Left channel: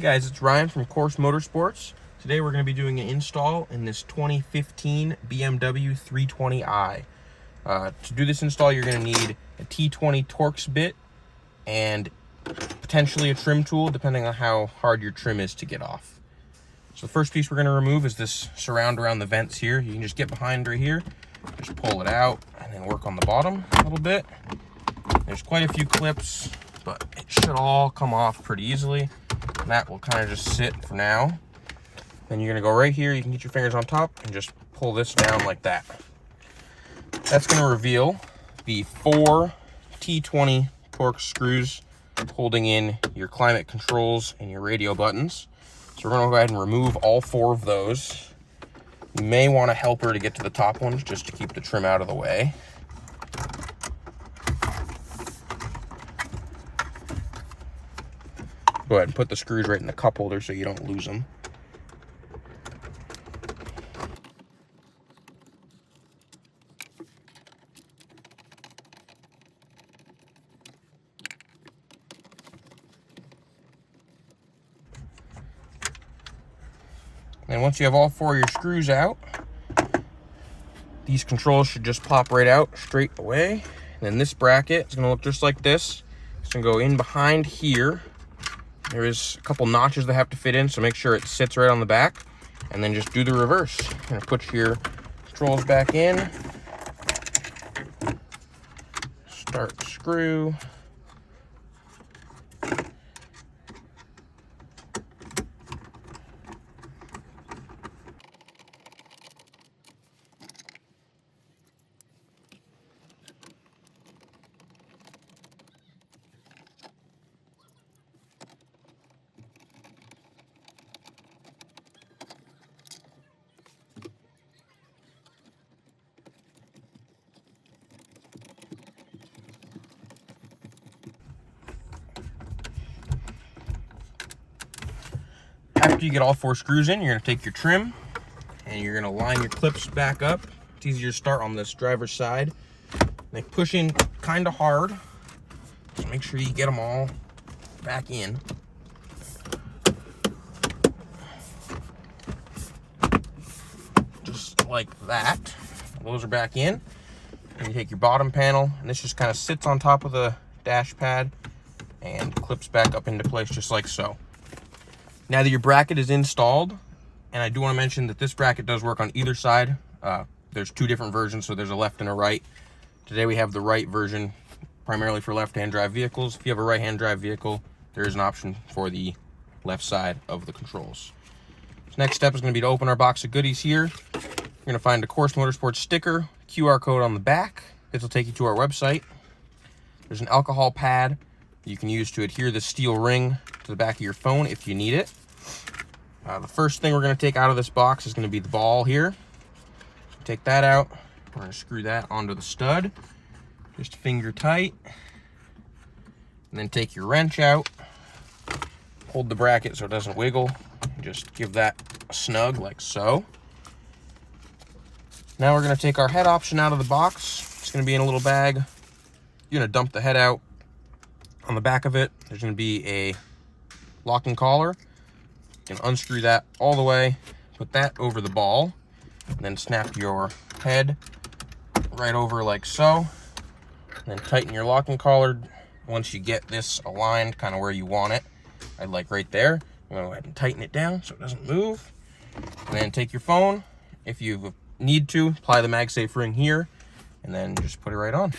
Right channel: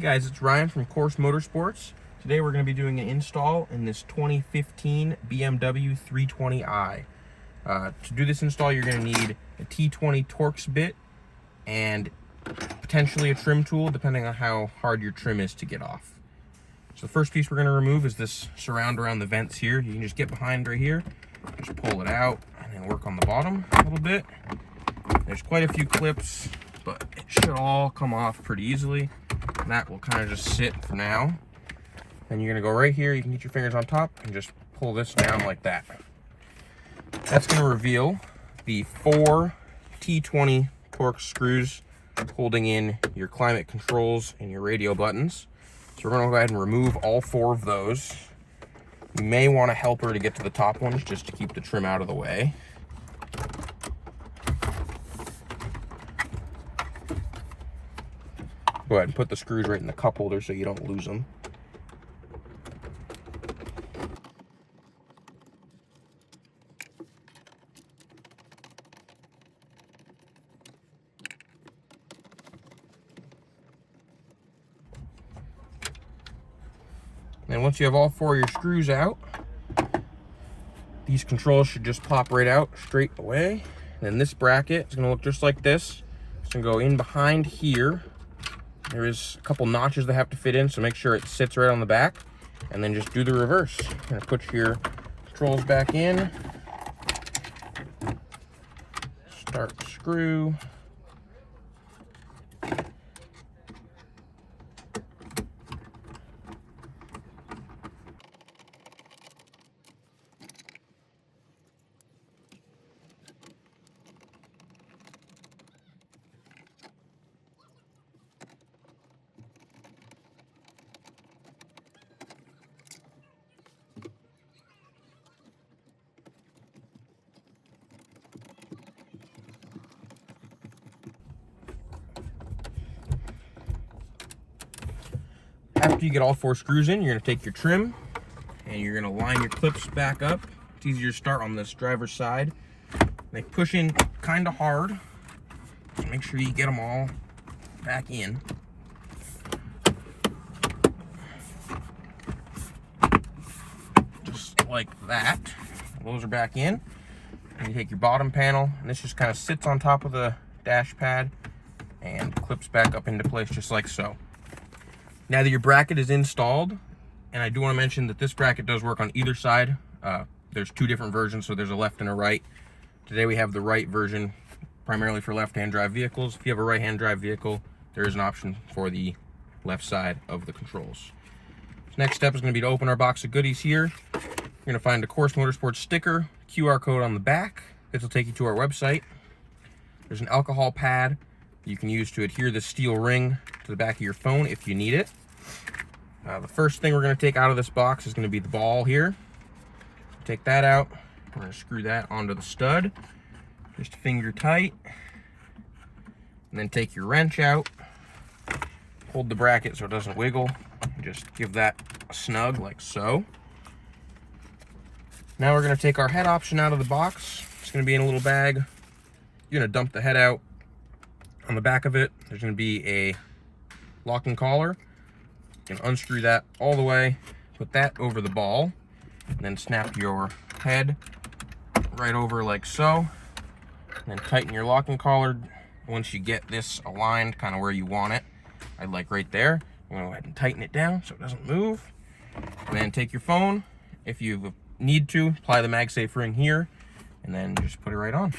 Hey guys, it's Ryan from Course Motorsports. Today we're going to be doing an install in this 2015 BMW 320i. To do this install, you're going to need a T20 Torx bit and potentially a trim tool, depending on how hard your trim is to get off. So the first piece we're going to remove is this surround around the vents here. You can just get behind right here, just pull it out, and then work on the bottom a little bit. There's quite a few clips, but it should all come off pretty easily. And that will kind of just sit for now. Then you're going to go right here. You can get your fingers on top and just pull this down like that. That's going to reveal the 4 T20 Torx screws holding in your climate controls and your radio buttons. So we're going to go ahead and remove all 4 of those. You may want a helper to get to the top ones just to keep the trim out of the way. Go ahead and put the screws right in the cup holder so you don't lose them. And once you have all 4 of your screws out, these controls should just pop right out straight away. And then this bracket is going to look just like this. It's going to go in behind here. There is a couple notches that have to fit in, so make sure it sits right on the back, and then just do the reverse. You're gonna put your controls back in, start the screw, After you get all 4 screws in, you're going to take your trim and you're going to line your clips back up. It's easier to start on this driver's side. They push in kind of hard, so make sure you get them all back in. Just like that. Those are back in. And you take your bottom panel, and this just kind of sits on top of the dash pad and clips back up into place just like so. Now that your bracket is installed, and I do want to mention that this bracket does work on either side. There's 2 different versions, so there's a left and a right. Today we have the right version, primarily for left-hand drive vehicles. If you have a right-hand drive vehicle, there is an option for the left side of the controls. So next step is going to be to open our box of goodies here. You're going to find a Course Motorsports sticker, QR code on the back. This will take you to our website. There's an alcohol pad you can use to adhere the steel ring to the back of your phone if you need it. The first thing we're going to take out of this box is going to be the ball here. Take that out. We're going to screw that onto the stud, just finger tight, and then take your wrench out. Hold the bracket so it doesn't wiggle, and just give that a snug like so. Now we're going to take our head option out of the box. It's going to be in a little bag. You're going to dump the head out. On the back of it, there's going to be a locking collar. You can unscrew that all the way, put that over the ball, and then snap your head right over like so, and then tighten your locking collar once you get this aligned kind of where you want it. I'd like right there. I'm going to go ahead and tighten it down so it doesn't move, and then take your phone. If you need to, apply the MagSafe ring here, and then just put it right on.